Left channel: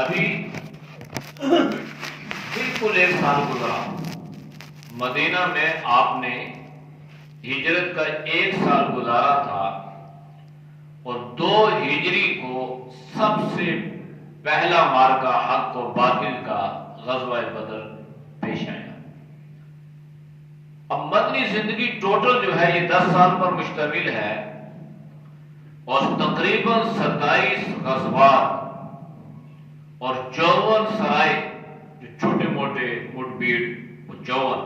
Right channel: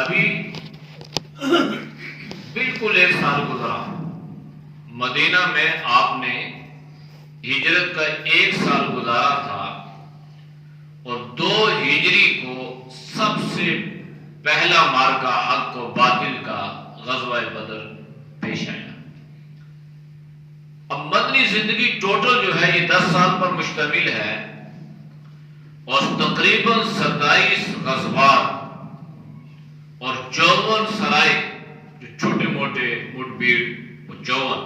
ابھی بالکل 1 سال گزرا، مدینہ میں آپ نے ہجرت کا 1 سال گزارا تھا، اور 2 ہجری کو سب سے پہلا مارکا حق و باطل کا غزوہ بدر پیش آیا۔ اب مدنی زندگی ٹوٹل جو ہے یہ 10 سال پر مشتمل ہے، اور تقریباً 27 غزوات اور 54 سرائے جو چھوٹے موٹے مٹبھیڑ وہ 54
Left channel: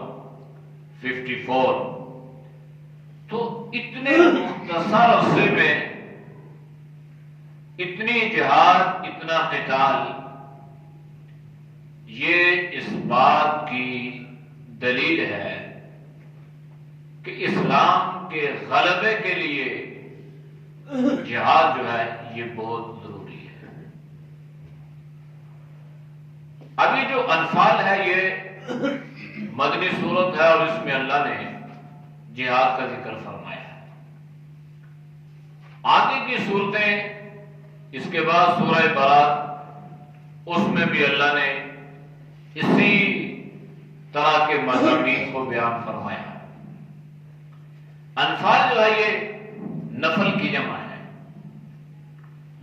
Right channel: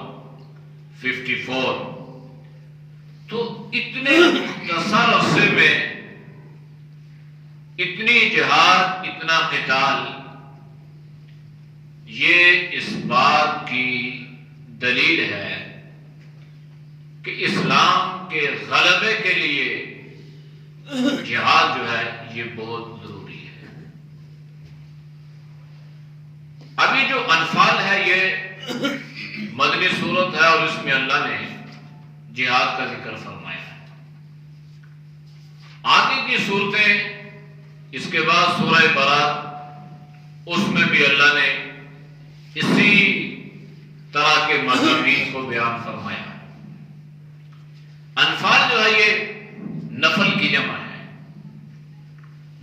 تو اتنے مختصر عرصے میں اتنی جہاد، اتنا قتال، یہ اس بات کی دلیل ہے کہ اسلام کے غلبے کے لیے جہاد جو ہے یہ بہت ضروری ہے۔ ابھی جو انفال ہے یہ مدنی صورت ہے، اور اس میں اللہ نے جہاد کا ذکر فرمایا ہے۔ آگے کی صورتیں اس کے بعد سورہ برات، اس میں بھی اللہ نے اسی طرح کے مضامین کو بیان فرمایا ہے۔ انفال جو ہے یہ نفل کی جمع ہے۔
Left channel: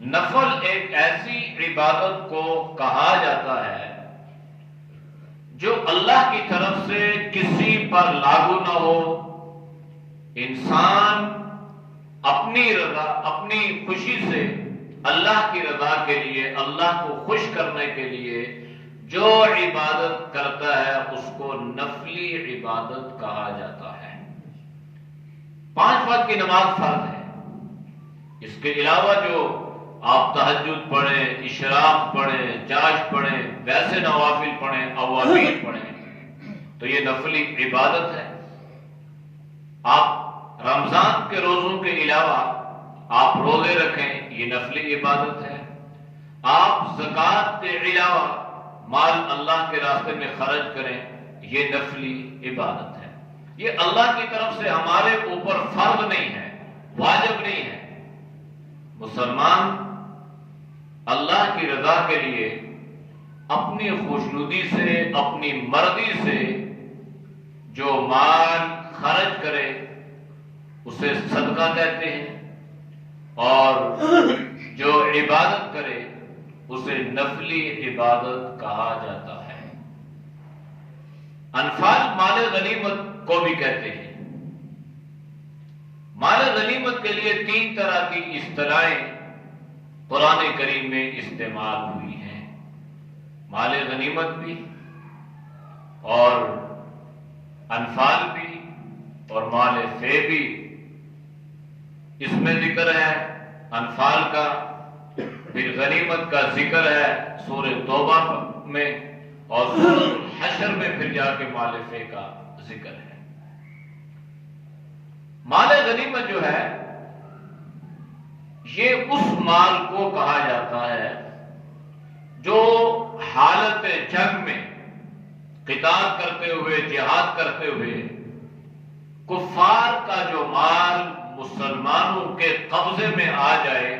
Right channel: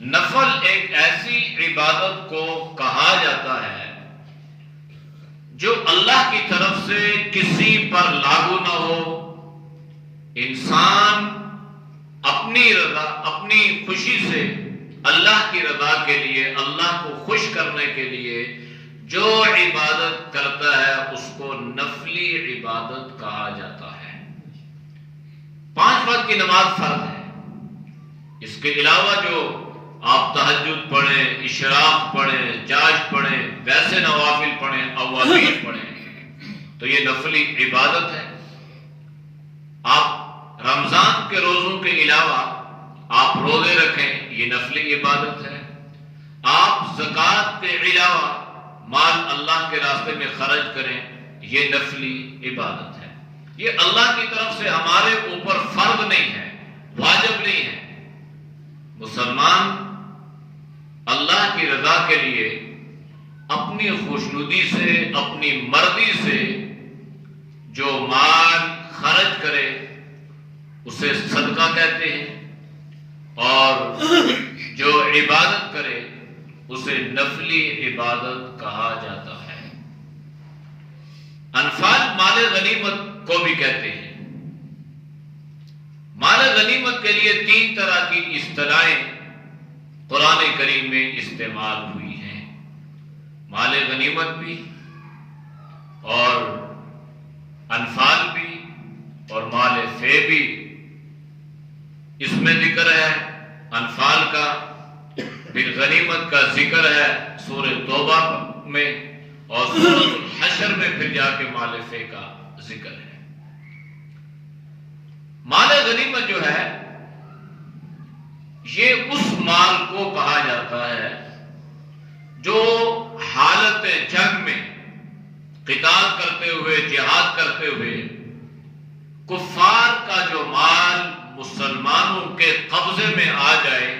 نفل ایک ایسی عبادت کو کہا جاتا ہے جو اللہ کی طرف سے کسی پر لاگو نہ ہو، انسان اپنی رضا، اپنی خوشی سے اللہ کی رضا کے لیے، اللہ کو خوش کرنے کے لیے جو عبادت کرتا ہے اس کو نفلی عبادت کہا جاتا ہے۔ 5 وقت کی نماز فرض ہے، اس کے علاوہ جو آپ تہجد پڑھیں، اشراق پڑھیں، چاشت پڑھیں، ویسے نوافل پڑھیں، اوابین پڑھیں، تو یہ نفلی عبادت ہے۔ آپ رمضان کے روزوں کے علاوہ آپ روزے رکھیں، یہ نفلی عبادت ہے۔ آپ زکوٰۃ کے علاوہ مال اللہ کے راستے میں خرچ کریں، یہ نفلی عبادت ہے۔ یہ اللہ کی طرف سے ہمارے اوپر فرض نہیں ہے، واجب نہیں ہے۔ مسلمان اللہ کی رضا کے لیے اپنی خوشنودی سے، اپنی مرضی سے جو مال خرچ کرے اسے صدقہ کہتے ہیں، اور جو عبادت کرے اسے نفلی عبادت کہا جاتا ہے۔ انفال مال غنیمت کو بھی کہتے ہیں۔ مال غنیمت کے لیے 3 طرح کی اصطلاحیں قرآن کریم میں استعمال ہوئی ہیں۔ مال غنیمت بھی، اور انفال بھی، اور مال فے بھی۔ اس میں ذکر ہے انفال کا، پھر غنیمت کا ذکر ہے سورہ توبہ میں، اور سورہ الحشر میں پھر جا کے مال فے کا ذکر ہے۔ مال غنیمت جو ہے یہ اس مال کو کہا جاتا ہے جو حالت جنگ میں قتال کرتے ہوئے، جہاد کرتے ہوئے کفار کا جو مال مسلمانوں کے قبضے میں آ جائے،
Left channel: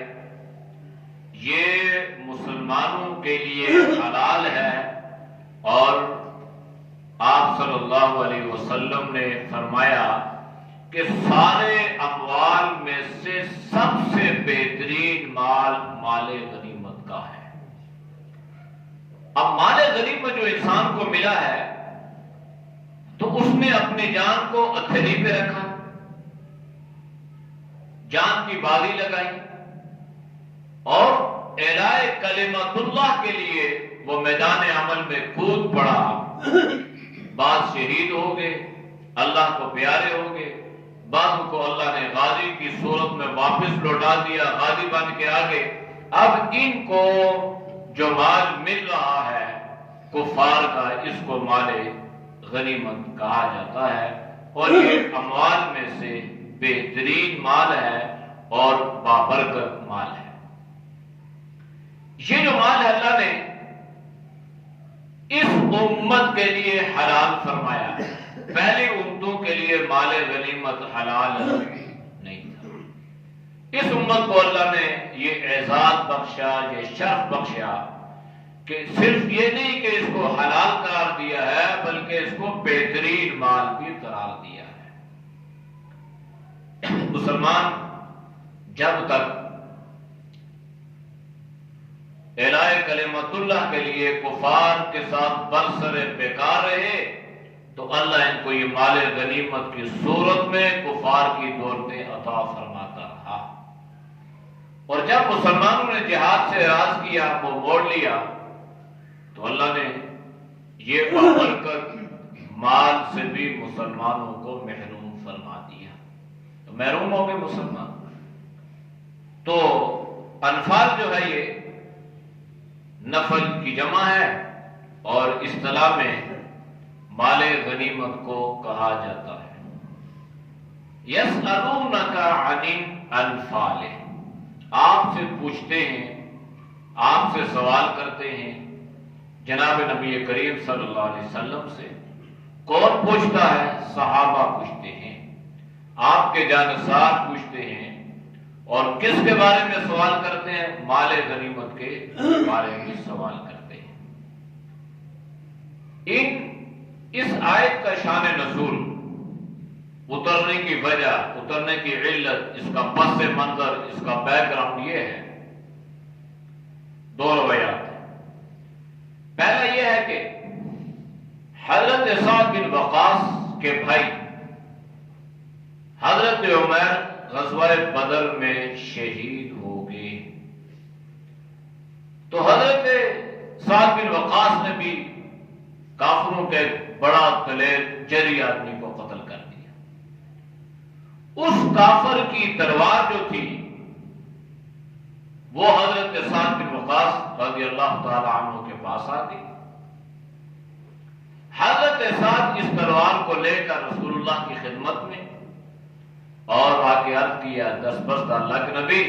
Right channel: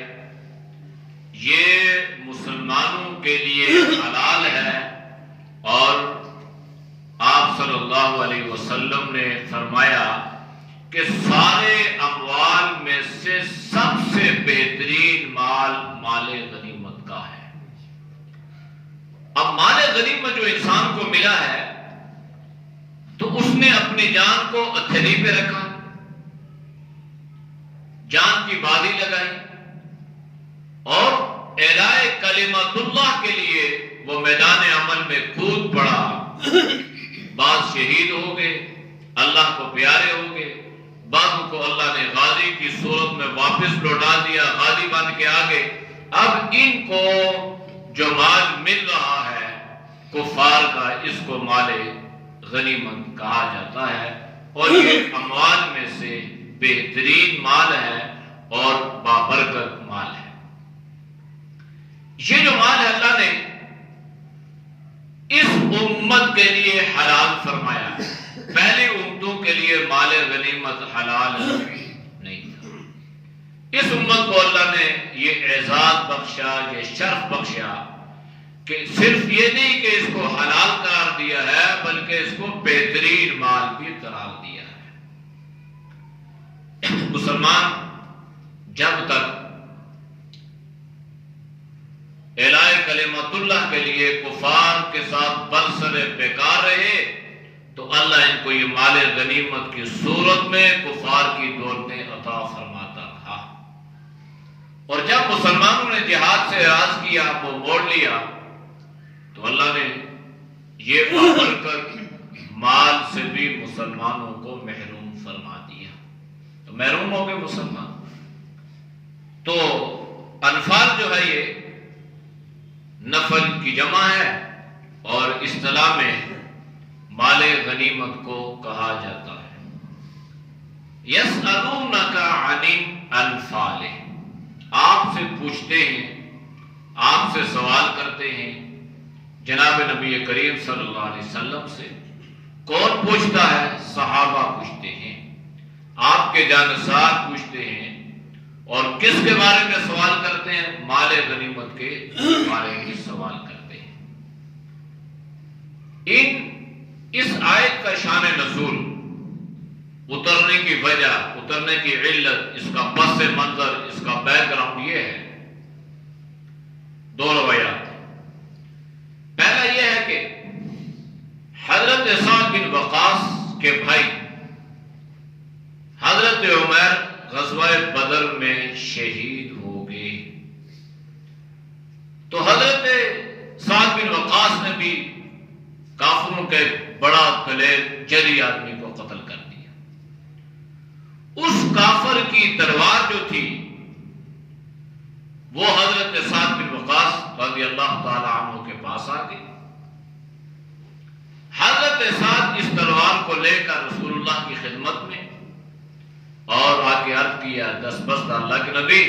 یہ مسلمانوں کے لیے حلال ہے۔ اور آپ صلی اللہ علیہ وسلم نے فرمایا کہ سارے اموال میں سے سب سے بہترین مال مال غنیمت کا ہے۔ اب مال غنیمت جو انسان کو ملا ہے تو اس نے اپنی جان کو ہتھیلی پہ رکھا، جان کی بازی لگائی، اور اعلاء کلمت اللہ کے لیے وہ میدان عمل میں کود پڑا۔ بعض شہید ہو گئے، اللہ کو پیارے ہو گئے، بعضوں کو اللہ نے غازی کی صورت میں واپس لوٹا دیا، غازی بن کے آگے۔ اب ان کو جو مال مل رہا ہے کفار کا، اس کو مال غنیمت کہا جاتا ہے، اور یہ اموال میں سے بہترین مال ہے اور بابرکت مال ہے۔ یہ جو مال ہے اللہ نے اس امت کے لیے حلال فرمایا ہے۔ پہلی امتوں کے لیے مال غنیمت حلال نہیں تھا۔ اس امت کو اللہ نے یہ اعزاز بخشا، یہ شرف بخشا کہ صرف یہ نہیں کہ اس کو حلال قرار دیا ہے بلکہ اس کو بہترین مال بھی قرار دیا ہے۔ مسلمان جب تک اعلاء کلمت اللہ کے لیے کفار کے ساتھ برسر بیکار رہے تو اللہ ان کو یہ مال غنیمت کی صورت میں کفار کی دولتیں عطا فرماتا رہا، اور جب مسلمانوں نے جہاد سے اعراض کیا، وہ موڑ لیا، تو اللہ نے یہ بڑھ کر مال سے بھی مسلمانوں کو محروم فرما دیا، تو محروم ہو گئے مسلمان۔ تو انفال جو ہے یہ نفل کی جمع ہے اور اصطلاح میں مال غنیمت کو کہا جاتا ہے۔ یسألونک عن الانفال، آپ سے پوچھتے ہیں، آپ سے سوال کرتے ہیں جناب نبی کریم صلی اللہ علیہ وسلم سے۔ کون پوچھتا ہے؟ صحابہ پوچھتے ہیں، آپ کے جانسار پوچھتے ہیں، اور کس کے بارے میں سوال کرتے ہیں؟ مال غنیمت کے بارے میں سوال کرتے ہیں۔ اس آیت کا شان نزول، اترنے کی وجہ، اترنے کی علت، اس کا پس منظر، اس کا بیک گراؤنڈ یہ ہے، دو روایات۔ پہلا یہ ہے کہ حضرت سعد بن وقاص کے بھائی حضرت عمر غزوہ بدر میں شہید ہو گئے، تو حضرت سعد بن وقاص نے بھی کافروں کے بڑا دلیر جری آدمی کو قتل کر دیا۔ اس کافر کی تلوار جو تھی وہ حضرت سعد بن وقاص رضی اللہ تعالی عنہ کے پاس آ گئی۔ حضرت سعد اس تلوار کو لے کر رسول اللہ کی خدمت میں اور آ کے عرض کیا، دستبست اللہ کے نبی،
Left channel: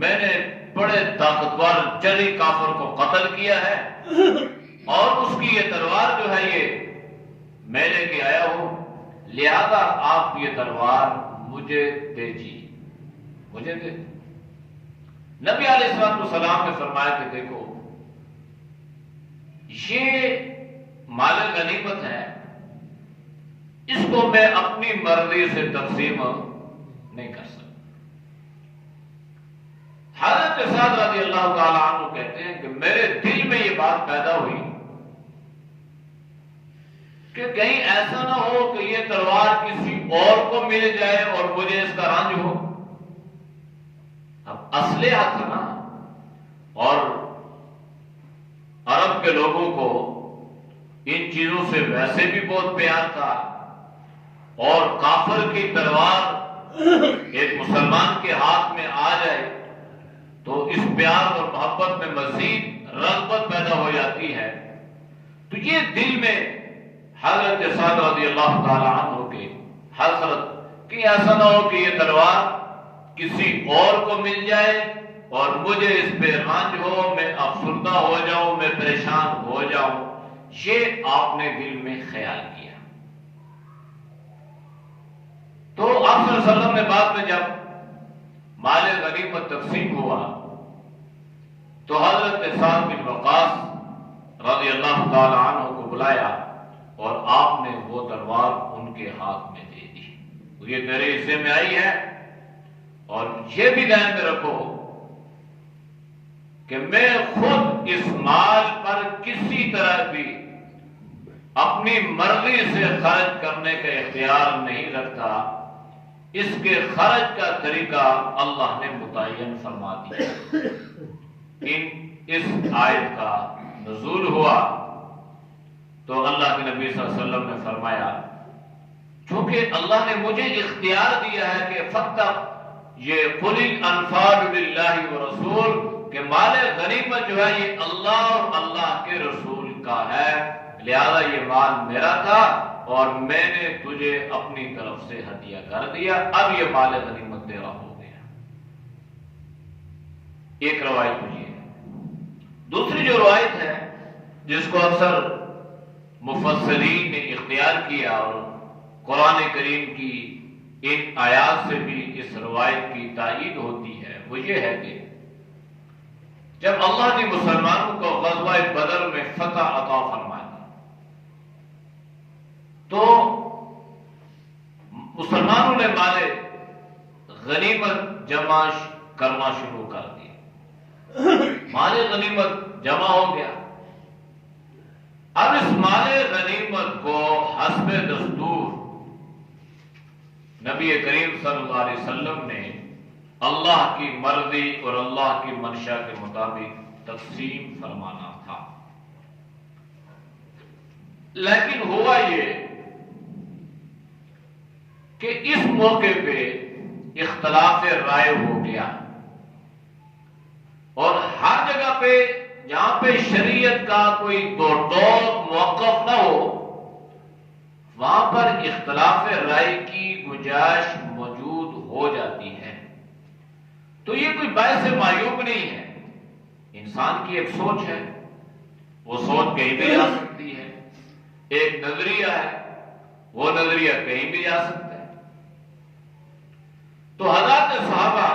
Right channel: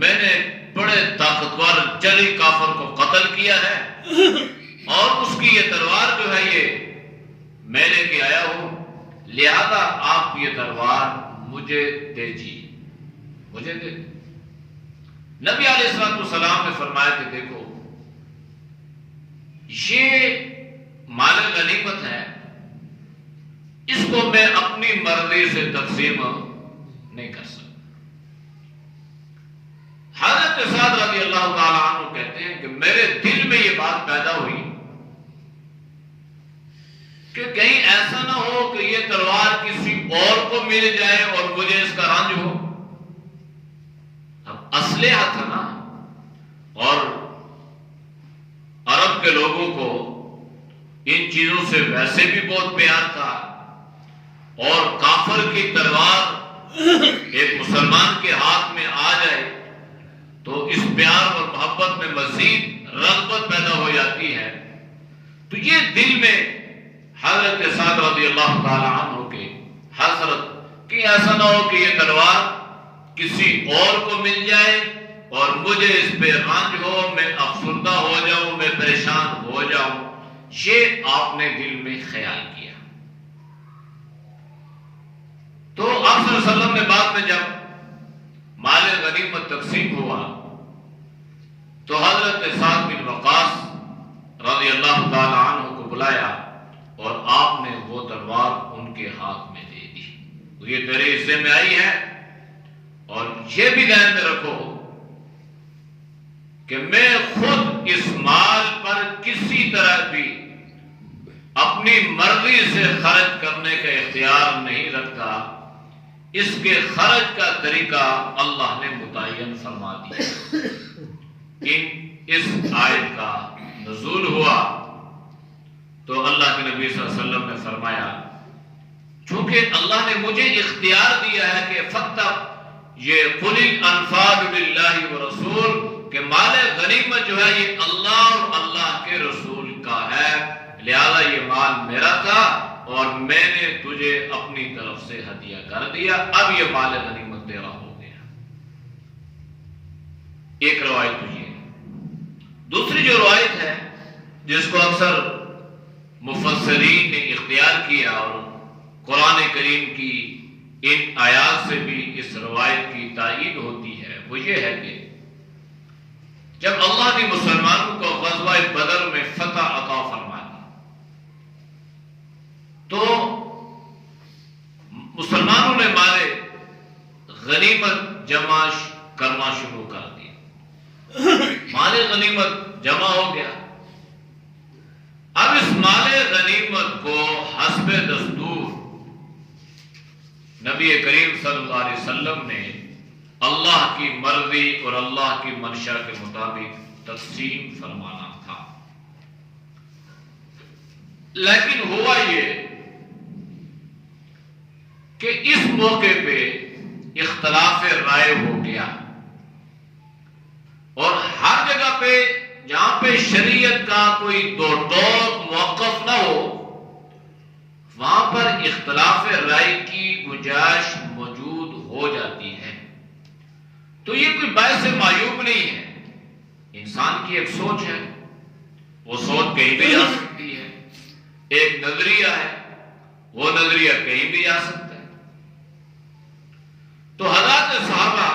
میں نے بڑے طاقتور جری کافر کو قتل کیا ہے، اور اس کی یہ تلوار جو ہے یہ میں لے کے آیا ہوں، لہذا آپ یہ تلوار مجھے دیجیے، مجھے دے۔ نبی علیہ السلام نے فرمایا کہ دیکھو، یہ مال غنیمت ہے، اس کو میں اپنی مرضی سے تقسیم نہیں کر سکتا۔ حضرت سعد رضی اللہ تعالیٰ عنہ کہتے ہیں کہ میرے دل میں یہ بات پیدا ہوئی کہ کہیں ایسا نہ ہو کہ یہ تلوار کسی اور کو مل جائے اور مجھے اس کا رنج ہو۔ اب اسلحہ تھا نا، اور عرب کے لوگوں کو ان چیزوں سے ویسے بھی بہت پیار تھا، اور کافر کی تلوار ایک مسلمان کے ہاتھ میں آ جائے تو اس پیار اور محبت میں مزید رغبت پیدا ہو جاتی ہے۔ تو یہ دل میں حضرت سعد رضی اللہ تعالی عنہ کے حضرت کہ ایسا نہ ہو کہ یہ تلوار کسی اور کو مل جائے اور مجھے اس پہ رنج ہو، میں افسردہ ہو جاؤں، میں پریشان ہو جاؤں، یہ آپ نے دل میں خیال کیا۔ تو آپ صلی اللہ علیہ وسلم نے بعد میں جب مال غنیمت تقسیم ہوا تو حضرت سعد بن وقاص رضی اللہ تعالی عنہ کو بلایا اور آپ نے وہ تلوار ان کے ہاتھ میں دے دی، یہ تیرے حصے میں آئی ہے، اور یہ بھی ذہن میں رکھو کہ میں خود اس مال پر کسی طرح بھی اپنی مرضی سے خرچ کرنے کا اختیار نہیں رکھتا، اس کے خرچ کا طریقہ اللہ نے متعین فرما دیا۔ اس آیت کا نزول ہوا تو اللہ کے نبی صلی اللہ علیہ وسلم نے فرمایا، چونکہ اللہ نے مجھے اختیار دیا ہے کہ فتح یہ قل الانفال للہ ورسول، کہ مال غنیمت جو ہے یہ اللہ اور اللہ کے رسول کا ہے، لہذا یہ مال میرا تھا اور میں نے تجھے اپنی طرف سے ہدیہ کر دیا، اب یہ مال غنیمت تیرا ہو گیا۔ ایک روایت تو یہ ہے۔ دوسری جو روایت ہے جس کو اکثر مفسرین نے اختیار کیا اور قرآن کریم کی ان آیات سے بھی اس روایت کی تائید ہوتی ہے، وہ یہ ہے کہ جب اللہ نے مسلمانوں کو غزوہ بدر میں فتح عطا فرما دی تو مسلمانوں نے مال غنیمت جمع کرنا شروع کر دیا. مال غنیمت جمع ہو گیا. اب اس مال غنیمت کو حسب دستور نبی کریم صلی اللہ علیہ وسلم نے اللہ کی مرضی اور اللہ کی منشا کے مطابق تقسیم فرمانا تھا. لیکن ہوا یہ کہ اس موقع پہ اختلاف رائے ہو گیا اور ہر جگہ پہ جہاں پہ شریعت کا کوئی دو ٹوک موقف نہ ہو وہاں پر اختلاف رائے کی گنجائش موجود ہو جاتی ہے. تو یہ کوئی باعث معیوب نہیں ہے. انسان کی ایک سوچ ہے, وہ سوچ کہیں بھی جا سکتی ہے. ایک نظریہ ہے, وہ نظریہ کہیں بھی جا سکتا ہے. تو حضرات صحابہ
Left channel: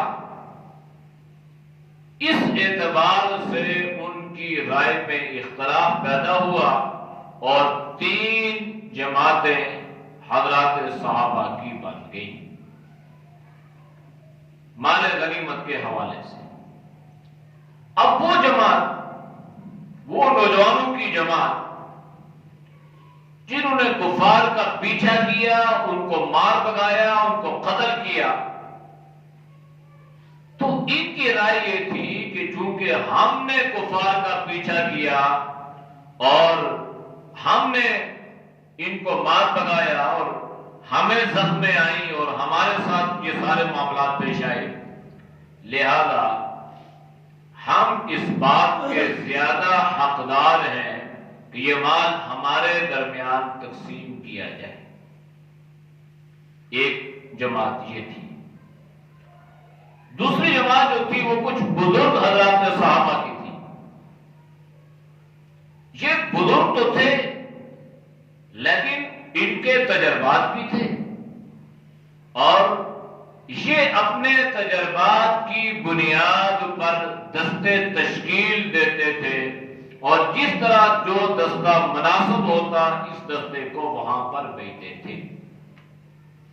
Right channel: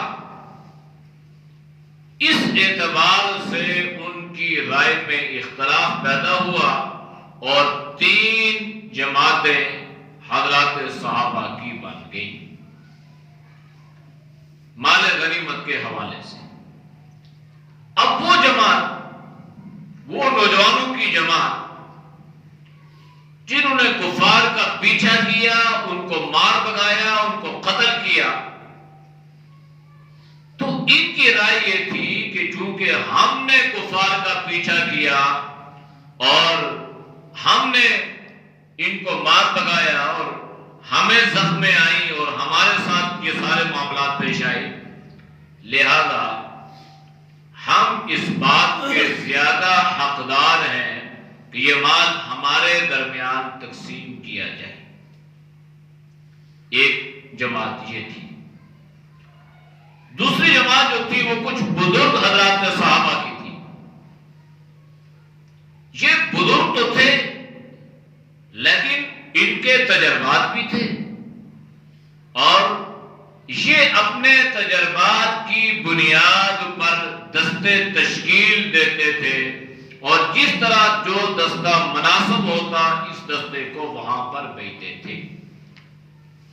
اس اعتبار سے ان کی رائے میں اختلاف پیدا ہوا اور 3 جماعتیں حضرات صحابہ کی بن گئی مال غنیمت کے حوالے سے. اب وہ جماعت, وہ نوجوانوں کی جماعت جنہوں نے کفار کا پیچھا کیا, ان کو مار بگایا, ان کو قتل کیا, تو ان کی رائے یہ تھی کہ چونکہ ہم نے کفار کا پیچھا کیا اور ہم نے ان کو مار بگایا اور ہمیں زخمیں آئیں اور ہمارے ساتھ یہ سارے معاملات پیش آئے, لہذا ہم اس بات کے زیادہ حقدار ہیں کہ یہ مال ہمارے درمیان تقسیم کیا جائے. ایک جماعت یہ تھی. دوسری جماعت جو تھی وہ کچھ بزرگ حضرات صحابہ کی تھی. یہ بزرگ تو تھے لیکن ان کے تجربات بھی تھے اور یہ اپنے تجربات کی بنیاد پر دستے تشکیل دیتے تھے اور جس طرح جو دستہ مناسب ہوتا اس دستے کو وہاں پر بھیجتے تھے.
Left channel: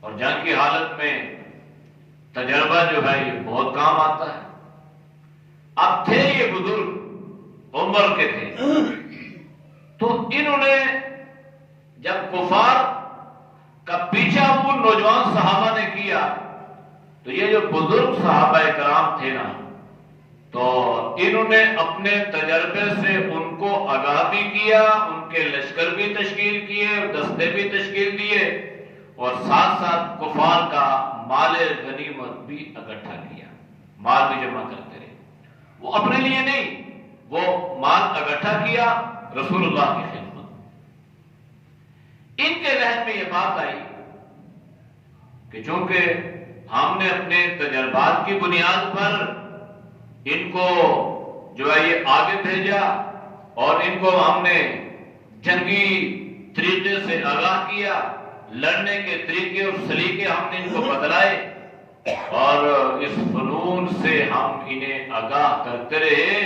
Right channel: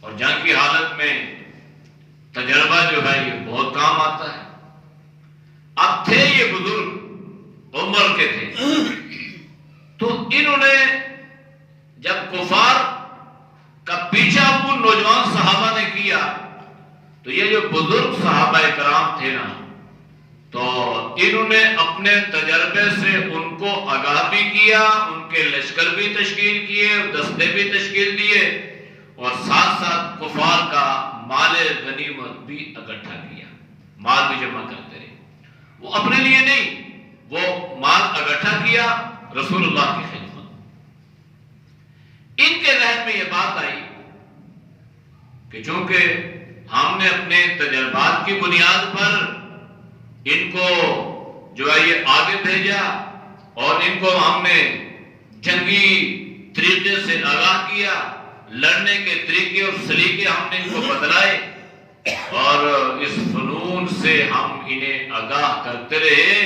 اور جنگ کی حالت میں تجربہ جو ہے یہ بہت کام آتا ہے. اب تھے یہ بزرگ عمر کے تھے تو انہوں نے جب کفار کا پیچھا ان نوجوان صحابہ نے کیا تو یہ جو بزرگ صحابہ کرام تھے نا, تو انہوں نے اپنے تجربے سے ان کو آگاہ بھی کیا, ان کے لشکر بھی تشکیل کیے, دستے بھی تشکیل دیے اور ساتھ ساتھ کفار کا مال غنیمت بھی اکٹھا کیا, مال بھی جمع کرتے رہے. وہ اپنے لیے نہیں, وہ مال اکٹھا کیا رسول اللہ کی خدمت. ان کے ذہن میں یہ بات آئی کہ چونکہ ہم نے اپنے تجربات کی بنیاد پر ان کو جو ہے یہ آگے بھیجا اور ان کو ہم نے جنگی طریقے سے آگاہ کیا, لڑنے کے طریقے اور سلیقے ہم نے ان کو بتلائے اور اس فنون سے ہم انہیں آگاہ کرتے رہے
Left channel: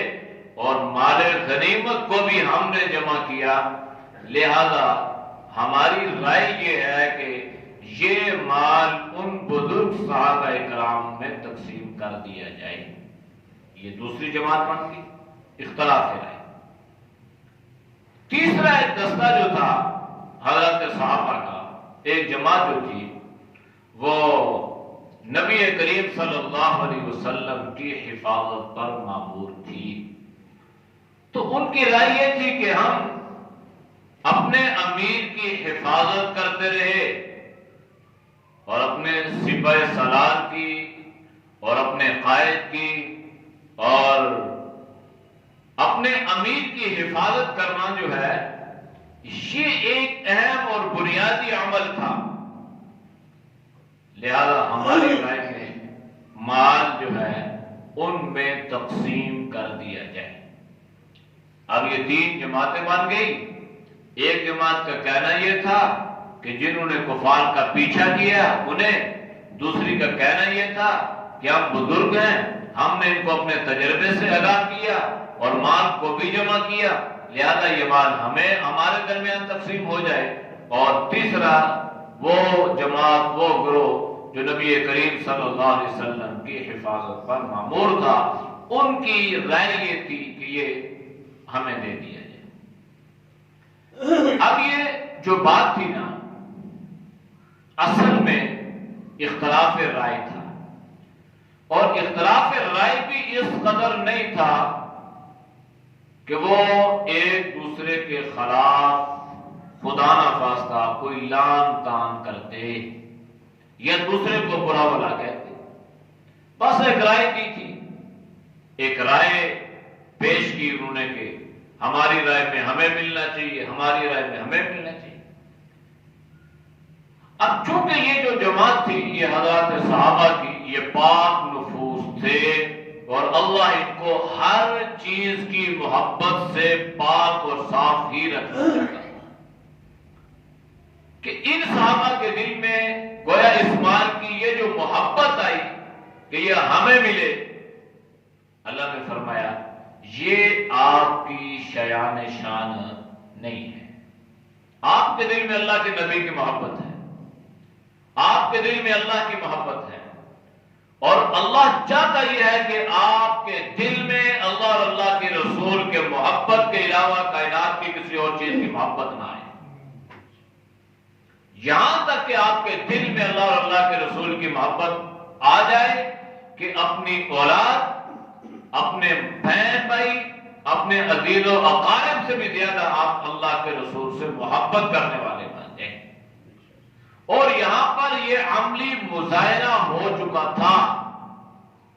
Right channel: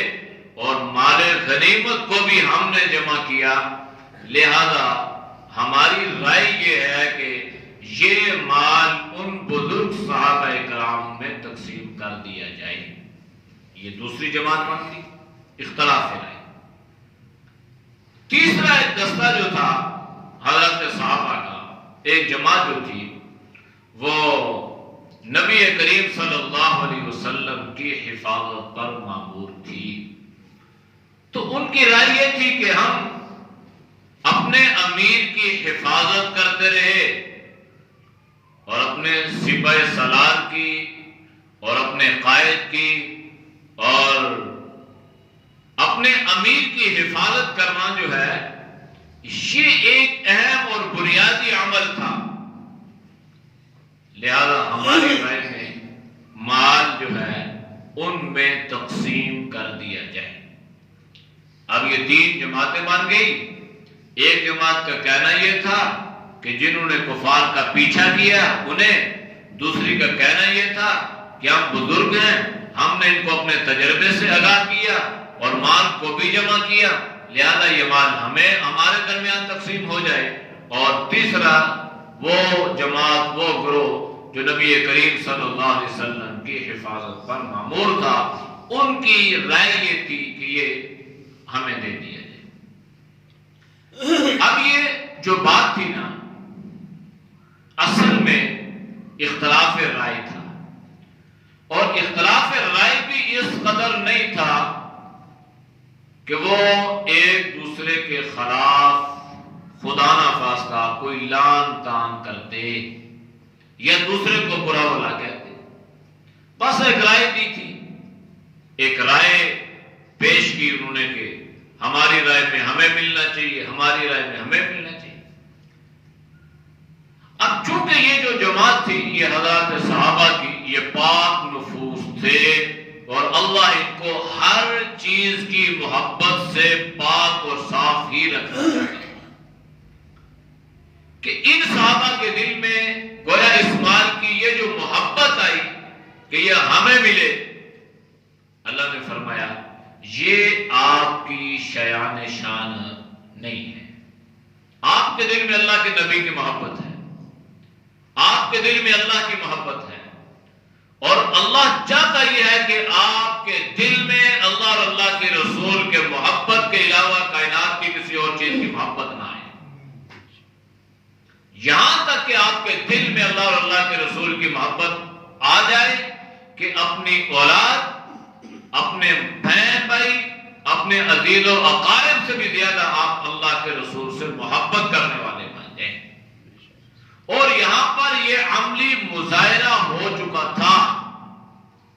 اور مال غنیمت کو بھی ہم نے جمع کیا. لہذا ہماری رائے یہ ہے کہ یہ مال ان بزرگ صحابہ کرام میں تقسیم کر دیا جائے. یہ دوسری جماعت بنتی, اختلاف رائے. تیسرا ایک دستہ جو تھا حضرت صحابہ کا, ایک جماعت جو تھی وہ نبی کریم صلی اللہ علیہ وسلم کی حفاظت پر مامور تھی. تو ان کی رائے یہ تھی کہ ہم اپنے امیر کی حفاظت کرتے رہے اور اپنے سپہ سالار کی اور اپنے قائد کی اور اپنے امیر کی حفاظت کرنا جو ہے یہ ایک اہم اور بنیادی عمل تھا. لہذا ہماری رائے میں مال جو ہے ان میں تقسیم کر دیا جائے. اب یہ 3 جماعتیں بن گئی. ایک جماعت کا کہنا یہ تھا کہ جنہوں نے کفار کا پیچھا کیا انہیں, دوسری کا کہنا یہ تھا کہ ہم بزرگ ہیں ہم نے ان کو اپنے تجربے سے آگاہ کیا اور مال کو بھی جمع کیا، لہذا یہ مال ہمیں ہمارے درمیان تقسیم ہو جائے۔ اور تیسرا وہ جماعت، وہ گروہ جو نبی کریم صلی اللہ علیہ وسلم کی حفاظت پر مامور تھا، ان کی رائے یہ تھی کہ یہ ہمیں دے دیا جائے۔ اب یہ جو بات تھی نا، اصل میں اختلاف رائے تھا، اور اختلاف رائے بھی اس قدر نہیں تھا کہ وہ ایک دوسرے کے خلاف خدا نخواستہ کوئی لان تان کرتے یا دوسرے کو برا بھلا کہتے، بس ایک رائے دی تھی، ایک رائے پیش کی انہوں نے کہ ہماری رائے میں ہمیں ملنا چاہیے، ہماری رائے میں ہمیں ملنا چاہیے۔ اب چونکہ یہ جو جماعت تھی یہ حضرات صحابہ کی، یہ پاک نفوس تھے اور اللہ ان کو ہر چیز کی محبت سے پاک اور صاف ہی رکھنا چاہتا ہے، کہ ان صحابہ کے دل میں گویا اس مال کی یہ جو محبت آئی کہ یہ ہمیں ملے، اللہ نے فرمایا یہ آپ کی شیان شان نہیں ہے۔ آپ کے دل میں اللہ کے نبی کی محبت ہے، آپ کے دل میں اللہ کی محبت ہے، اور اللہ چاہتا یہ ہے کہ آپ کے دل میں اللہ اور اللہ کے رسول کے محبت کے علاوہ کائنات کی کسی اور چیز کی محبت نہ آئے۔ یہاں تک کہ آپ کے دل میں اللہ اور اللہ کے رسول کی محبت آ جائے کہ اپنی اولاد، اپنے بہن بھائی، اپنے عزیز و اقارب سے بھی زیادہ آپ اللہ کے رسول سے محبت کرنے والے بن جائیں۔ اور یہاں پر یہ عملی مظاہرہ ہو چکا تھا،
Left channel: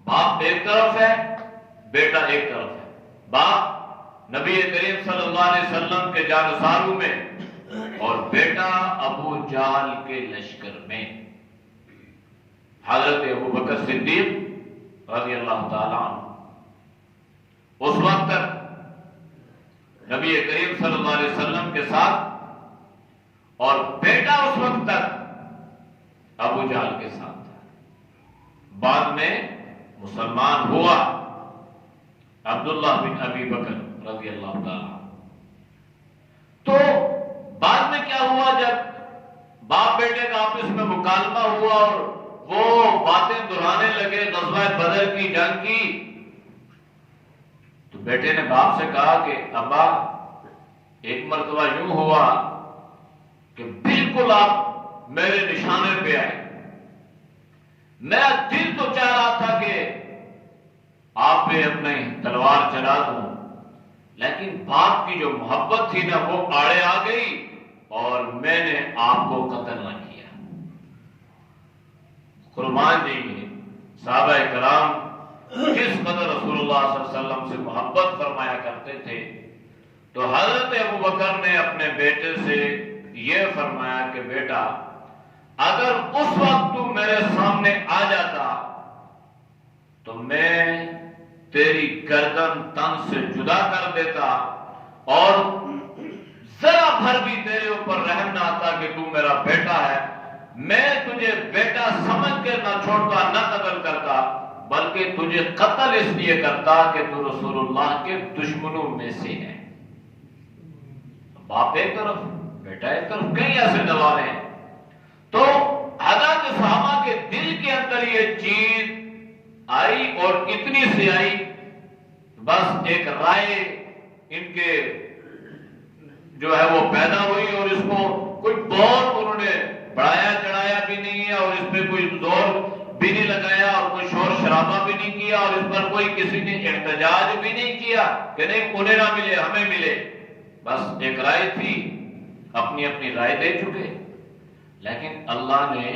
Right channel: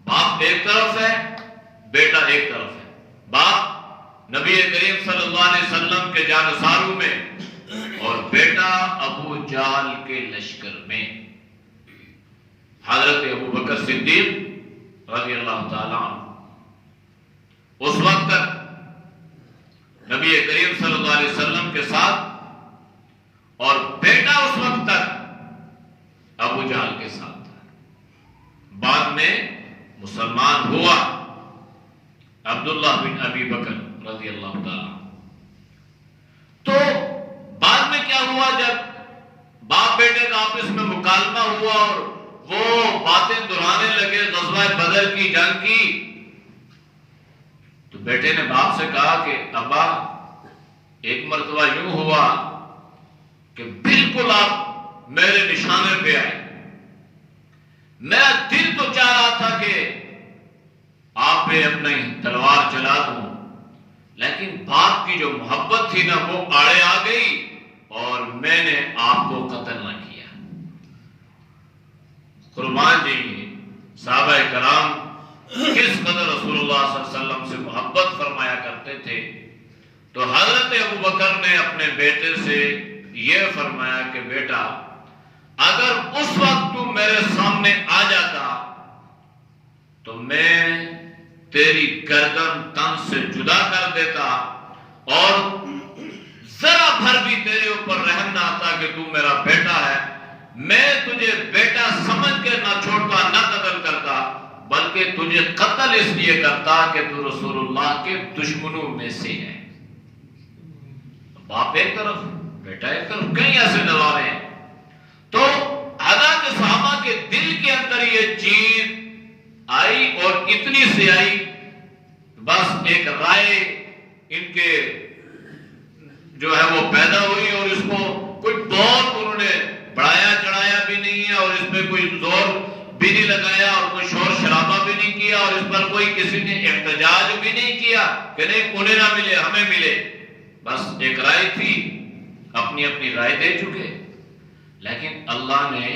باپ ایک طرف ہے، بیٹا ایک طرف ہے، باپ نبی کریم صلی اللہ علیہ وسلم کے جانثاروں میں اور بیٹا ابو جہل کے لشکر میں۔ حضرت ابو بکر صدیق رضی اللہ تعالیٰ عنہ اس وقت تک نبی کریم صلی اللہ علیہ وسلم کے ساتھ، اور بیٹا اس وقت تک ابو جہل کے ساتھ تھا۔ بعد میں مسلمان ہوا عبداللہ بن ابی بکر رضی اللہ تعالیٰ۔ تو بعد میں کیا ہوا، جب باپ بیٹے کا آپس میں مکالمہ ہوا اور وہ باتیں دہرانے لگے غزوہ بدر کی جنگ کی، تو بیٹے نے باپ سے کہا کہ ابا ایک مرتبہ یوں ہوا کہ بالکل آپ میرے نشانے پہ آئے، میرا دل تو چاہ رہا تھا کہ آپ پہ اپنی تلوار چلا دوں، لیکن باپ کی جو محبت تھی نا وہ آڑے آ گئی اور میں نے آپ کو قتل نہ کیا۔ قربان جائیے صحابہ کرام کس قدر رسول اللہ صلی اللہ علیہ وسلم سے محبت فرمایا کرتے تھے۔ تو حضرت ابو بکر نے اپنے بیٹے سے یہ فرمایا کہ بیٹا اگر اس وقت تو میرے سامنے آ جاتا تو میں تیری گردن تن سے جدا کر دیتا، اور ذرا بھر بھی تیرے اوپر رحم نہ آتا کہ تو میرا بیٹا ہے، میں تجھے بیٹا سمجھ کے نہ چھوڑتا نہ قتل کرتا، بلکہ تجھے قتل اس لیے کرتا کہ تو رسول اللہ کے دشمنوں میں سے ہے۔ باپ ایک طرف بیٹا ایک طرف، کئی ایسے نظارے ہیں۔ تو حضرت صحابہ کے دل کے اندر یہ چیز آئی اور اتنی سی آئی، بس ایک رائے ان کے جو ہے وہ پیدا ہوئی، اور اس کو کوئی بہت انہوں نے بڑھایا چڑھایا بھی نہیں ہے، اور اس میں کوئی زور بھی نہیں لگایا اور کوئی شور شرابہ بھی نہیں کیا، اور اس پر کوئی کسی نے احتجاج بھی نہیں کیا کہ نہیں انہیں نہ ملے ہمیں ملے۔ بس ایک رائے تھی، اپنی اپنی رائے دے چکے، لیکن اللہ نے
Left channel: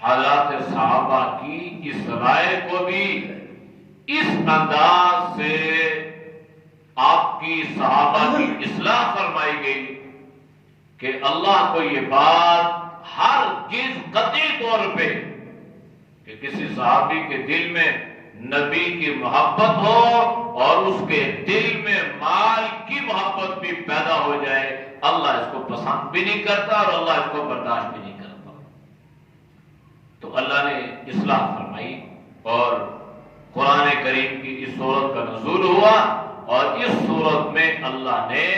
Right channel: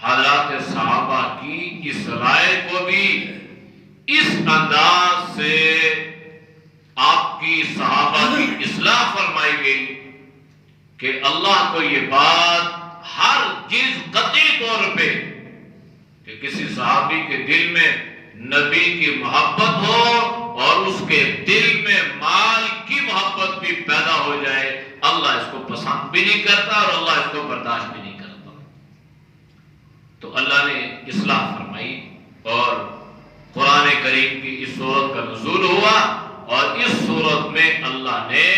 حضرات صحابہ کی اس رائے کو بھی اس انداز سے آپ کی صحابہ کی اصلاح فرمائی گئی کہ اللہ کو یہ بات ہر چیز قطعی طور پہ کہ کسی صحابی کے دل میں نبی کی محبت ہو اور اس کے دل میں مال کی محبت بھی پیدا ہو جائے، اللہ اس کو پسند بھی نہیں کرتا اور اللہ اس کو برداشت بھی نہیں کرتا۔ تو اللہ نے اصلاح فرمائی اور قرآن کریم کی اس صورت کا نزول ہوا، اور اس صورت میں اللہ نے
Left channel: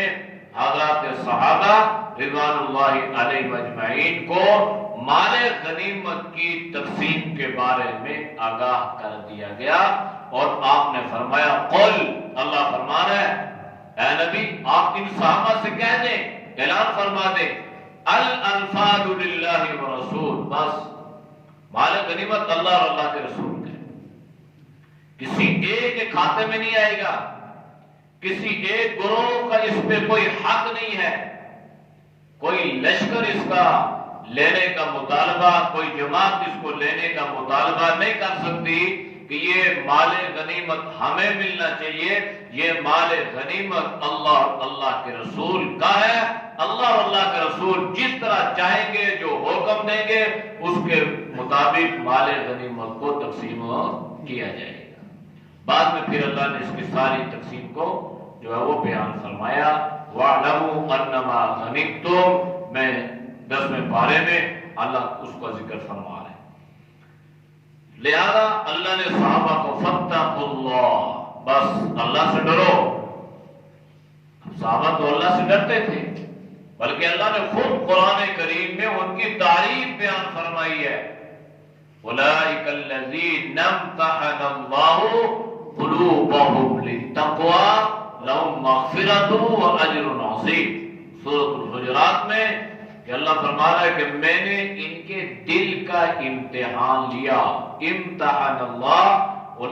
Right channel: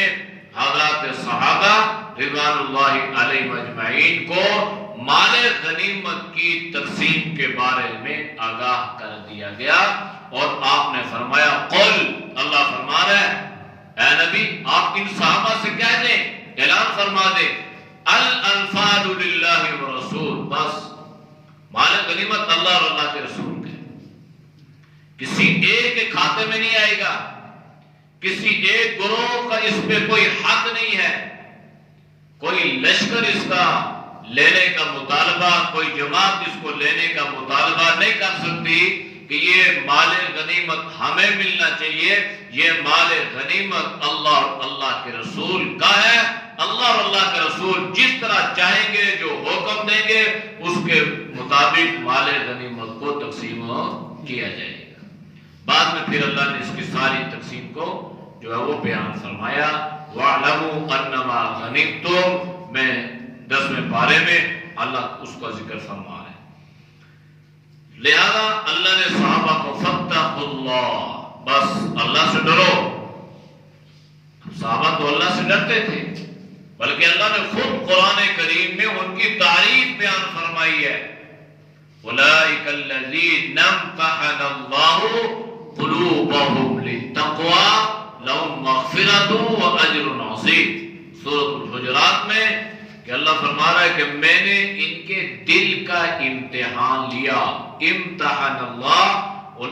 حضرات صحابہ رضوان اللہ علیہ اجمعین کو مال غنیمت کی تقسیم کے بارے میں آگاہ کر دیا گیا، اور آپ نے فرمایا قل، اللہ فرما رہا ہے اے نبی آپ ان صحابہ سے کہہ دیں، اعلان فرما دیں الانفال للہ ورسول، بس مال غنیمت اللہ اور اللہ کے رسول کے، کسی ایک کے کھاتے میں نہیں آئے گا، کسی ایک گروہ کا اس پہ کوئی حق نہیں ہے، کوئی لشکر اس کا لینے کا مطالبہ، کوئی جماعت اس کو لینے کا مطالبہ نہیں کر سکتی کہ یہ مال غنیمت ہمیں ملنا چاہیے۔ یہ مال غنیمت اللہ اور اللہ کے رسول کا ہے، اللہ اور اللہ کے رسول جس طرح چاہیں گے، جو حکم دیں گے، اس کے مطابق مال غنیمت کو تقسیم کیا جائے گا۔ بعد میں پھر اللہ نے اس کی ساری تقسیم کو جو ہے وہ بیان فرمایا، وَاعْلَمُوا أَنَّمَا غَنِمْتُمْ، میں 10ویں پارے میں اللہ اس کا ذکر فرما رہے ہیں۔ لہذا اللہ نے صحابہ کو فَاتَّقُوا اللَّهَ، بس اللہ سے ڈرو۔ صحابہ تو اللہ سے ڈرتے تھے، بلکہ اللہ نے خود قرآن کریم میں ان کی تعریف بیان فرمائی ہے، أولئك الذين امتحن الله قلوبهم للتقوى لهم مغفرة وأجر عظيم، سورۃ الحجرات میں کہ اللہ فرما رہا ہے کہ میں نے ان کے دل کا امتحان لیا، امتحان اللہ، اور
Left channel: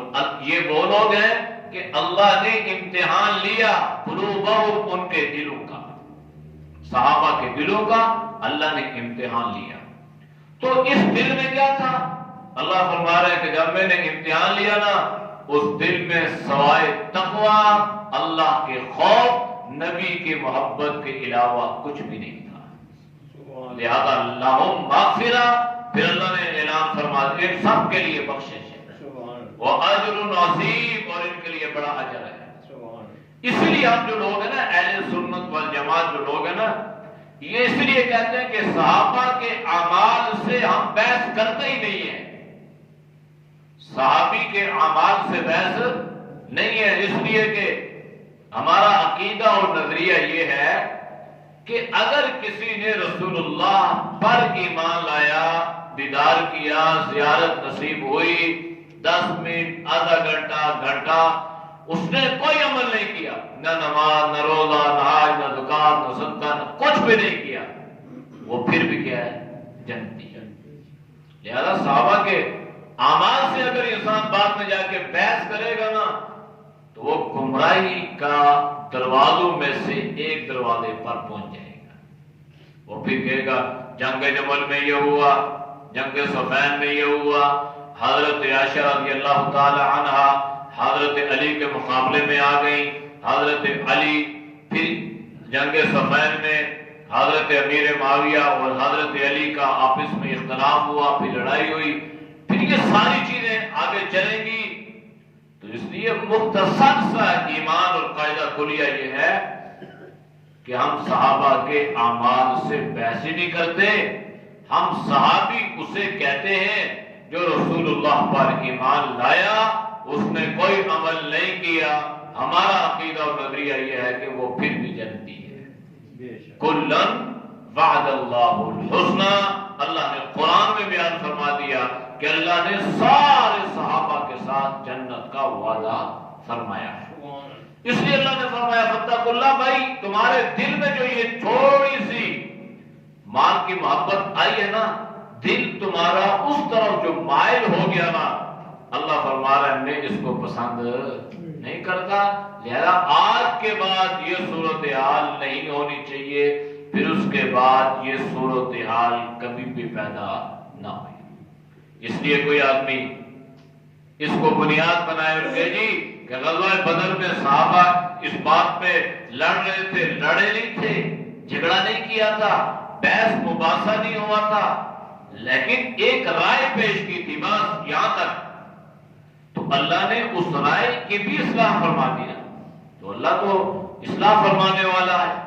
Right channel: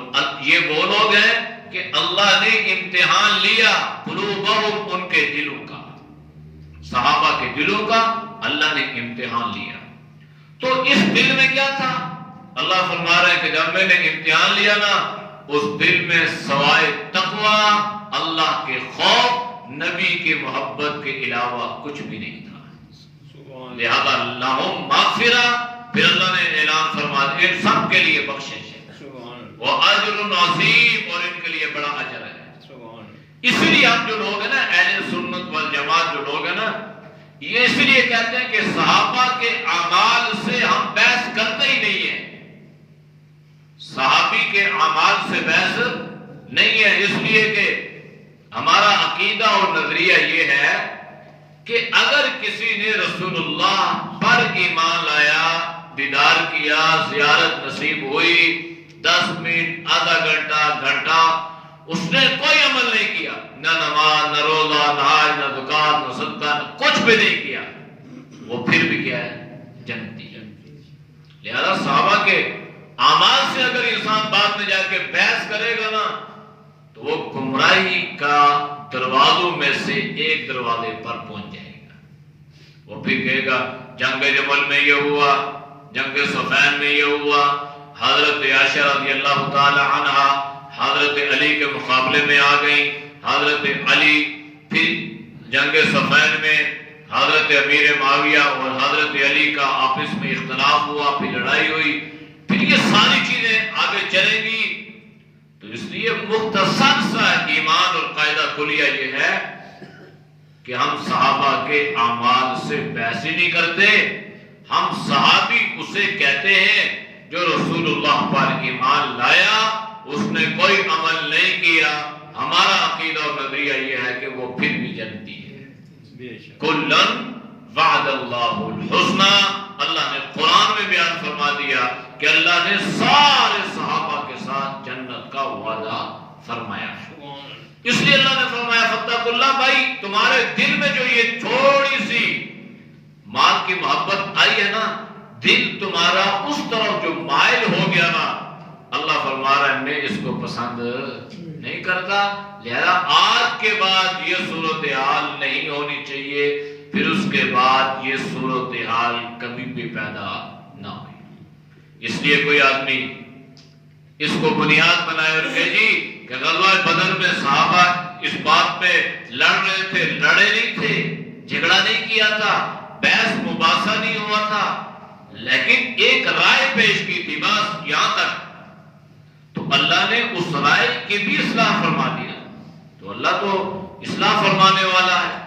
یہ وہ لوگ ہیں کہ اللہ نے امتحان لیا قلوبهم، ان کے دلوں کا، صحابہ کے دلوں کا اللہ نے امتحان لیا۔ تو اس دل میں کیا تھا؟ اللہ فرما رہے ہیں کہ جب میں نے امتحان لیا نا، اس دل میں سوائے تقوی، اللہ کے خوف، نبی کی محبت کے علاوہ کچھ بھی نہیں تھا۔ لہذا لہم مغفرہ، پھر اللہ نے اعلان فرما دیا ان سب کے لیے بخشش ہے، وہ اجر عظیم، اور ان کے لیے بڑا اجر ہے۔ اس لیے ہم جو لوگ ہیں نا اہل سنت والجماعت جو لوگ ہیں نا، یہ اس لیے کہتے ہیں کہ صحابہ کے اعمال سے ہم بحث کرتے ہی نہیں ہیں، صحابی کے اعمال سے بحث نہیں ہے، اس لیے کہ ہمارا عقیدہ اور نظریہ یہ ہے کہ اگر کسی نے رسول اللہ پر ایمان لایا، دیدار کیا، زیارت نصیب ہوئی، 10 منٹ، آدھا گھنٹہ اس نے کوئی عمل نہیں کیا، نہ نماز، نہ روزہ، نہ حج، نہ زکات، نہ صدقہ، کچھ بھی نہیں کیا، وہ پھر بھی کیا ہے؟ جنتی ہے۔ لہذا صحابہ کے اعمال سے اگر انسان بعد میں جا کے بحث کرے گا نا، تو وہ گمراہی کا دروازوں میں سے ایک دروازے پر پہنچ جائے گا۔ وہ پھر کہے گا جنگ جمل میں یہ ہوا، جنگ صفین میں یہ ہوا، حضرت عائشہ رضی اللہ تعالی عنہا حضرت علی کے مقابلے میں آ گئی، حضرت علی، پھر جنگ صفین میں حضرت امیر معاویہ اور حضرت علی کا آپس میں اختلاف ہوا، پھر لڑائی ہوئی، پھر یہ ساری چیزیں آگے چلیں گی۔ تو اس لیے مختصر سا ایمان اور قاعدہ کلیہ یہ ہے کہ ہم صحابہ کے اعمال سے بحث ہی نہیں کرتے، ہم صحابی اسے کہتے ہیں جو رسول اللہ پر ایمان لایا، اس نے کوئی عمل نہیں کیا، ہمارا عقیدہ اور نظریہ یہ ہے کہ وہ پھر بھی جنتی ہے۔ کلن وعد اللہ الحسنى، اللہ نے قرآن میں بیان فرما دیا کہ اللہ نے سارے صحابہ کے ساتھ جنت کا وعدہ فرمایا ہے۔ اس لیے اللہ نے فرمایا فاتقوا اللہ، بھائی تمہارے دل میں جو یہ تھوڑی سی مال کی محبت آئی ہے نا، دل تمہارا اس طرف جو مائل ہو گیا نا، اللہ فرما رہا ہے میں اس کو پسند نہیں کرتا، لہذا آج کے بعد یہ صورتحال نہیں ہونی چاہیے، پھر اس کے بعد یہ صورتحال کبھی بھی پیدا نہ ہو۔ اس لیے کوئی آدمی اس کو بنیاد بنائے اور کہے جی کہ غزوہ بدر میں صحابہ اس بات پہ لڑ رہے تھے، لڑے نہیں تھے، جھگڑا نہیں کیا تھا، بحث مباحثہ نہیں ہوا تھا، لیکن ایک رائے پیش کی تھی بس یہاں تک، تو اللہ نے اس رائے کی بھی اصلاح فرما دیا۔ تو اللہ تو اصلاح فرمانے والا ہے۔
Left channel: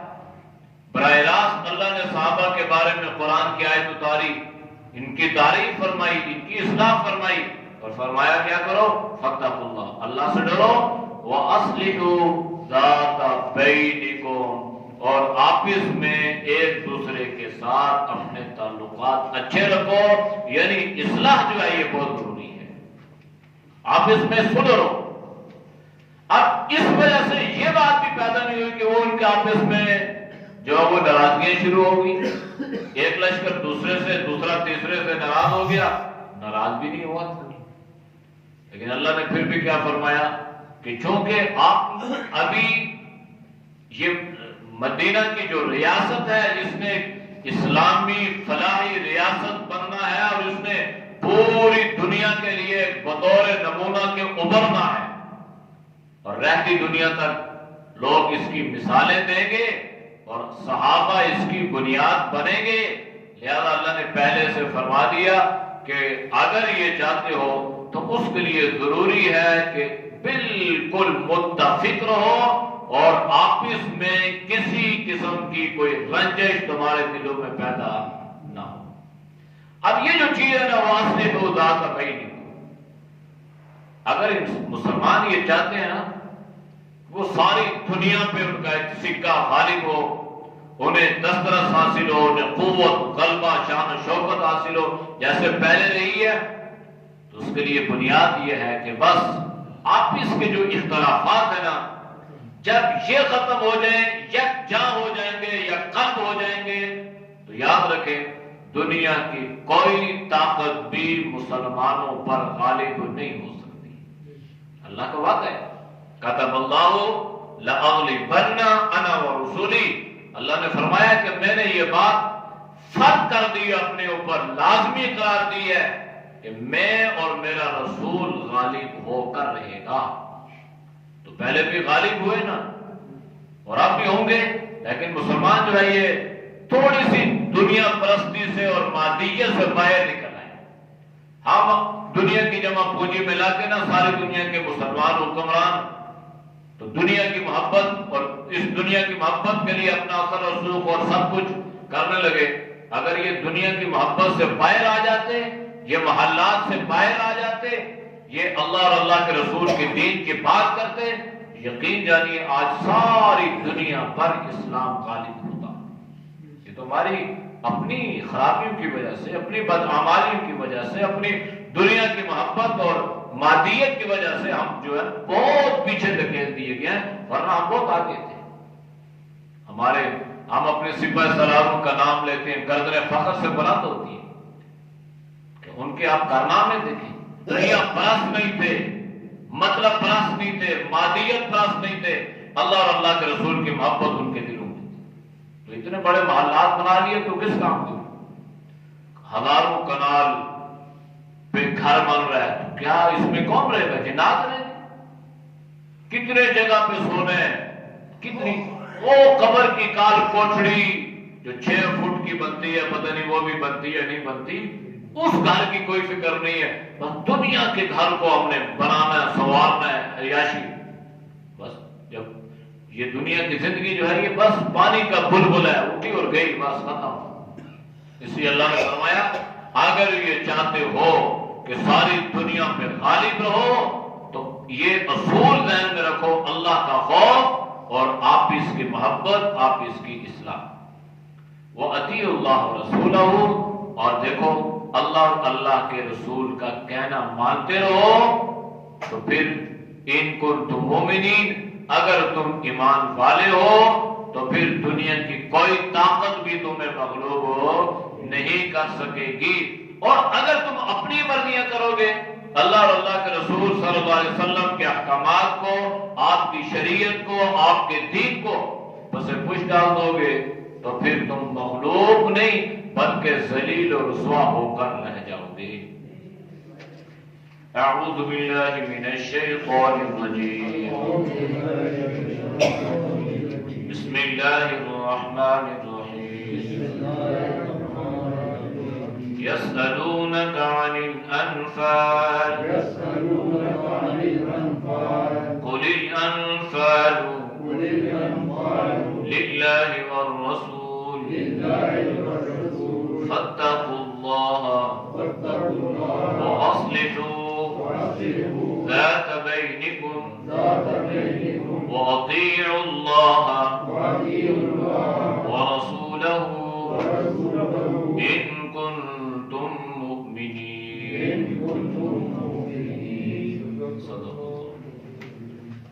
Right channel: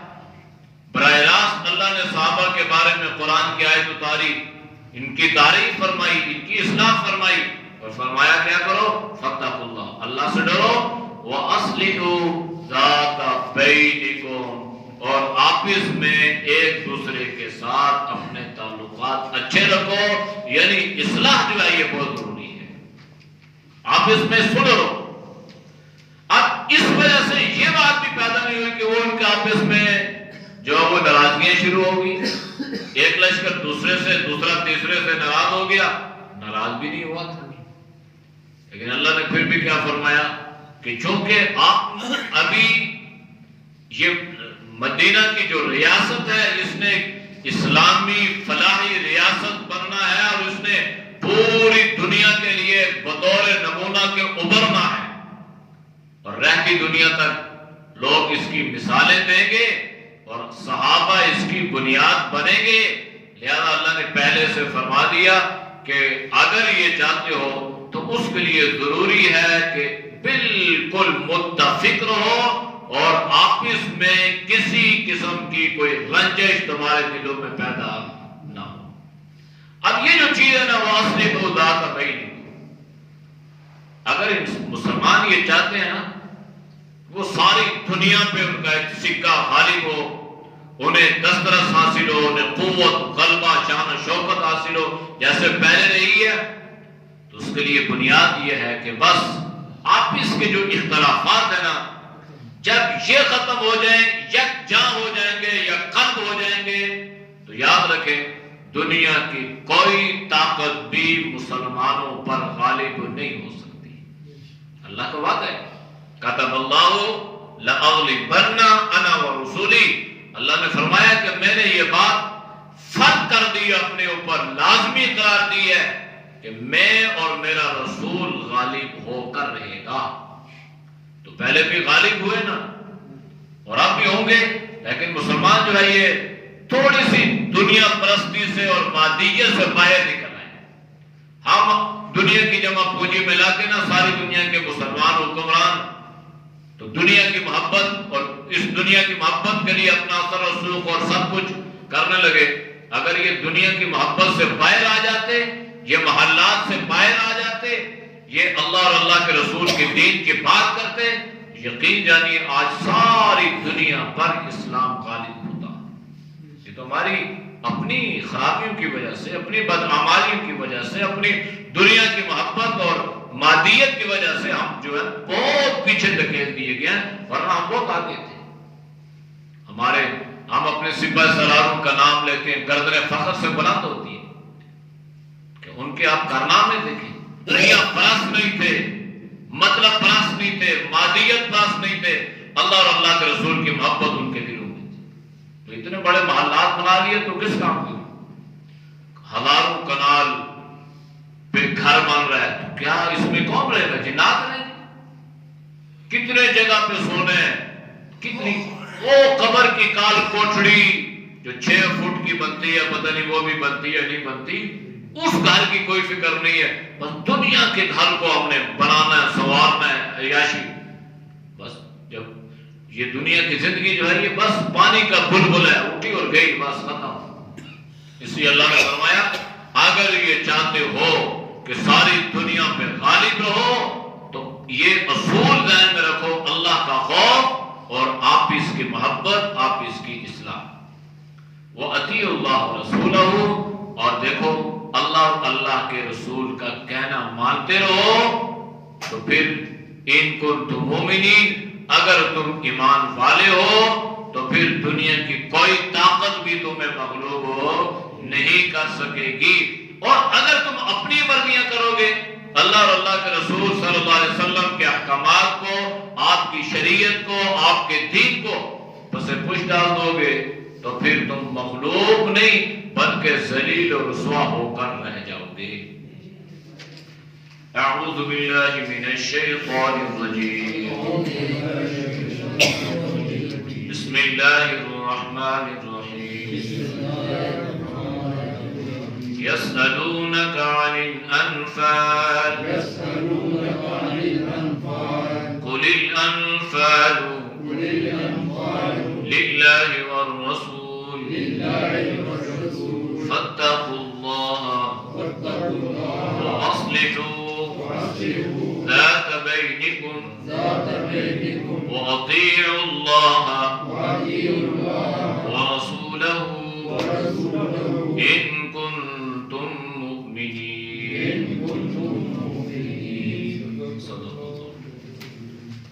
براہ راست اللہ نے صحابہ کے بارے میں قرآن کی آیت اتاری، ان کی تعریف فرمائی، ان کی اصلاح فرمائی، اور فرمایا کیا کرو؟ فاتقوا اللہ، اللہ سے ڈرو، وَأَصْلِحُوا ذَاتَ بَيْنِكُمْ، اور آپس میں ایک دوسرے کے ساتھ اپنے تعلقات اچھے رکھو، یعنی اصلاح جو ہے یہ بہت ضروری ہے، آپس میں صلح رہو۔ اب اس وجہ سے یہ بات بھی پیدا نہیں ہوئی کہ وہ ان کے آپس میں جو وہ ناراضگیاں شروع ہوگی، ایک لشکر دوسرے سے، دوسرا تیسرے سے ناراض ہو گیا، ناراض بھی نہیں ہوا تھا۔ لیکن اللہ نے پھر بھی کیا فرمایا کہ چونکہ آپ ابھی یہ مدینہ کی جو ریاست ہے اس نے اسلامی فلاحی ریاست بننا ہے، اور اس نے پوری دنیا کے لیے بطور نمونہ کے ابھرنا ہے، اور رہتی دنیا تک لوگ اس کی مثالیں دیں گے اور صحابہ اس کی بنیاد بنیں گے۔ لہذا اللہ نے پہلے سے فرما دیا کہ اگر یہ چاہتے ہو تو اس کے لیے ضروری ہے کہ بالکل متفق رہو اور آپس میں کسی قسم کی کوئی رنجش تمہارے دلوں میں پیدا نہ ہو۔ اب یہ جو چیز ہے نا، وَأَصْلِحُوا ذَاتَ بَيْنِكُمْ، اگر مسلمان یہ چاہتے ہیں نا وہ ساری دنیا پہ ان کا ایک سکہ غالب ہو، انہیں دسترس حاصل ہو، انہیں قوت، غلبہ، شان و شوکت حاصل ہو جیسے پہلے رہی ہے، تو اس کے لیے بنیاد یہ ہے کہ بس آپس کے جو اختلافات ہیں نا، جب یہ ختم ہو جائیں، یکجاں ہو جائیں گے یا قلب ہو جائیں گے، تو یاد رکھیں دنیا کی کوئی طاقت بھی مسلمانوں پر غالب نہیں ہو سکتی۔ اللہ کا وعدہ ہے، کتب اللہ لأغلبن انا ورسولی، اللہ نے فرمایا کہ میں نے یہ بات فرض کر دی اپنے اوپر، لازمی قرار دی ہے کہ میں اور میرا رسول غالب ہو کر رہے گا۔ تو پہلے بھی غالب ہوئے نا، اور اب بھی ہوں گے، لیکن مسلمان جو ہے یہ تھوڑی سی دنیا پرستی سے اور مادیت سے باہر نکل آئے۔ ہم دنیا کی جمع پونجی ملا کے نا ساری دنیا کے مسلمان حکمران تو دنیا کی محبت اور اس دنیا کی محبت کے لیے اپنا اثر و رسوخ اور سب کچھ کرنے لگے۔ اگر یہ دنیا کی محبت سے باہر آ جاتے، یہ محلات سے باہر آ جاتے، یہ اللہ اور اللہ کے رسول کے دین کی بات کرتے، یقین جانیے آج ساری دنیا پر اسلام غالب ہوتا۔ یہ تو ہماری اپنی خرابیوں کی وجہ سے، اپنی بدعمالیوں کی وجہ سے، اپنی دنیا کی محبت اور مادیت کی وجہ سے ہم جو ہے بہت پیچھے دھکیل دیے گئے ہیں، ورنہ ہم بہت آگے تھے۔ ہم اپنے سپاہ سالاروں کا نام لیتے ہیں، گردن فخر سے بلند ہوتی ہے کہ ان کے آپ کارنامے دیکھیں، دنیا پرست نہیں تھے، مطلب پرست نہیں تھے، مادیت پرست نہیں تھے، اللہ اور اللہ کے رسول کی محبت ان کے دلوں میں تھی۔ تو اتنے بڑے محلات بنا لیے تو کس کام کے؟ ہزاروں کنال پہ گھر بن رہا ہے، تو کیا اس میں کون رہے گا؟ جنات رہے گا؟ کتنے جگہ پہ سونے، کتنی وہ قبر کی کال کوٹڑی جو 6 فٹ کی بنتی ہے، پتہ نہیں وہ بھی بنتی ہے نہیں بنتی، اس گھر کی کوئی فکر نہیں ہے، بس دنیا کے گھر کو ہم نے بنانا ہے، سنوارنا ہے، عیاشی۔ بس جب یہ دنیا کی زندگی جو ہے یہ بس پانی کا بلبل ہے، اٹھی اور گئی، بس ختم۔ اس لیے اللہ نے فرمایا اگر یہ چاہتے ہو کہ ساری دنیا پہ غالب رہو تو یہ اصول ذہن میں رکھو، اللہ کا خوف اور آپس کی محبت، آپس کی اصلاح۔ وَأَطِیعُوا اللَّهَ وَرَسُولَهُ، اور دیکھو اللہ اور اللہ کے رسول کا کہنا مانتے رہو، تو پھر ان کنتم مومنین، اگر تم ایمان والے ہو تو پھر دنیا کی کوئی طاقت بھی تمہیں مغلوب ہو نہیں کر سکے گی۔ اور اگر تم اپنی مرضیاں کرو گے، اللہ اور اللہ کے رسول صلی اللہ علیہ وسلم کے احکامات کو، آپ کی شریعت کو، آپ کے دین کو پس پش ڈال دو گے، تو پھر تم مغلوب نہیں بلکہ ذلیل و رسوا ہو کر رہ جاؤ گے۔ اعوذ باللہ من الشیطان الرجیم، بسم اللہ الرحمن الرحیم۔ يسألونك عن الأنفال قل الأنفال لله والرسول فاتقوا الله وأصلحوا وأطيعوا الله ورسوله إن كنتم مؤمنين. صدق الله.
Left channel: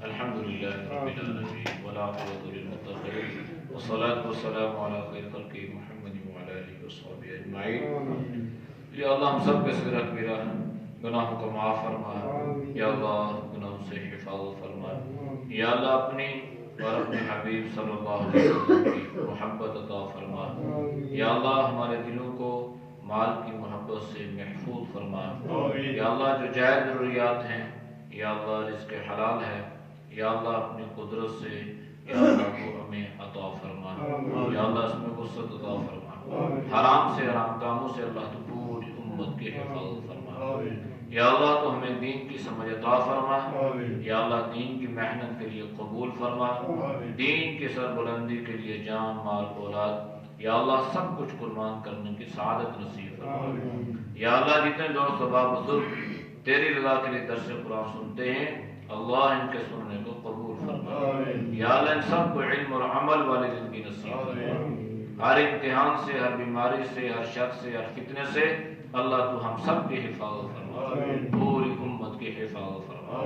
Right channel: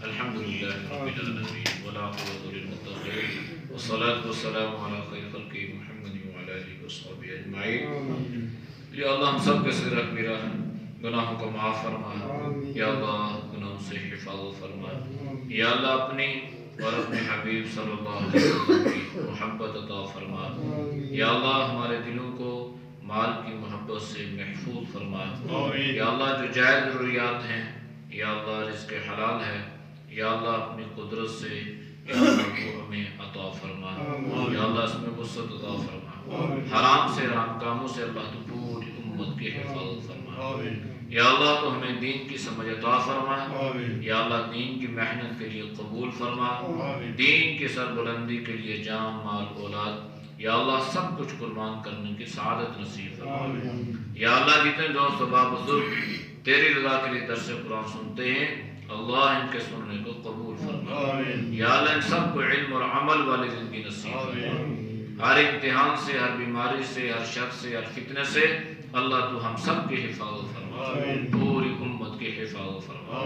الحمد لله رب العالمين والعاقبة للمتقين والصلاة والسلام على خير خلقه محمد وعلى آله وصحبه أجمعين. یا اللہ ہم سب کے صغیر کبیرہ گناہوں کو معاف فرما. یا اللہ گناہوں سے حفاظت فرما. یا اللہ اپنی اور اپنے حبیب صلی اللہ علیہ وسلم کی محبت عطا فرما. یا اللہ ہمارے دلوں کو مال کی محبت سے محفوظ فرما. یا اللہ جو جائز ضروریات ہیں یا اللہ رزق حلال ہے یا اللہ اپنی قدرت سے یا اللہ کو ہمیں عطا فرما. یا اللہ اس میں وسعت عطا فرما. حرام سے حرام کاموں سے اللہ تو پوری امت کی حفاظت فرما. یا اللہ تو ہمیں دین کی سمجھ عطا فرما. یا اللہ دین کی محنت کے لیے قبول فرما. دین کی سربلندی کے لیے جان مال اولاد یا اللہ سب کچھ قربان کرنے کی سعادت نصیب فرما. یا اللہ جتنے دوست احباب بزرگ تیری رضا کے لیے درس قرآن سنتے ہیں اللہ ان کے سننے کو قبول فرما. یا اللہ ان سب کو علم اور عمل والی زندگی نصیب فرما. ہر امتحان سے ہر بیماری سے ہر شر سے ہر فتنے سے اللہ تو ہم سب کی حفاظت فرما. پوری امت کی حفاظت فرما.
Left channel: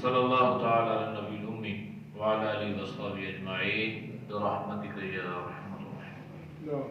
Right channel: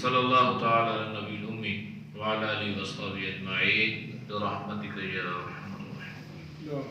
صلی اللہ تعالی علی نبی الامی وعلی آلہ وصحبہ اجمعین برحمتک یا ارحم الراحمین.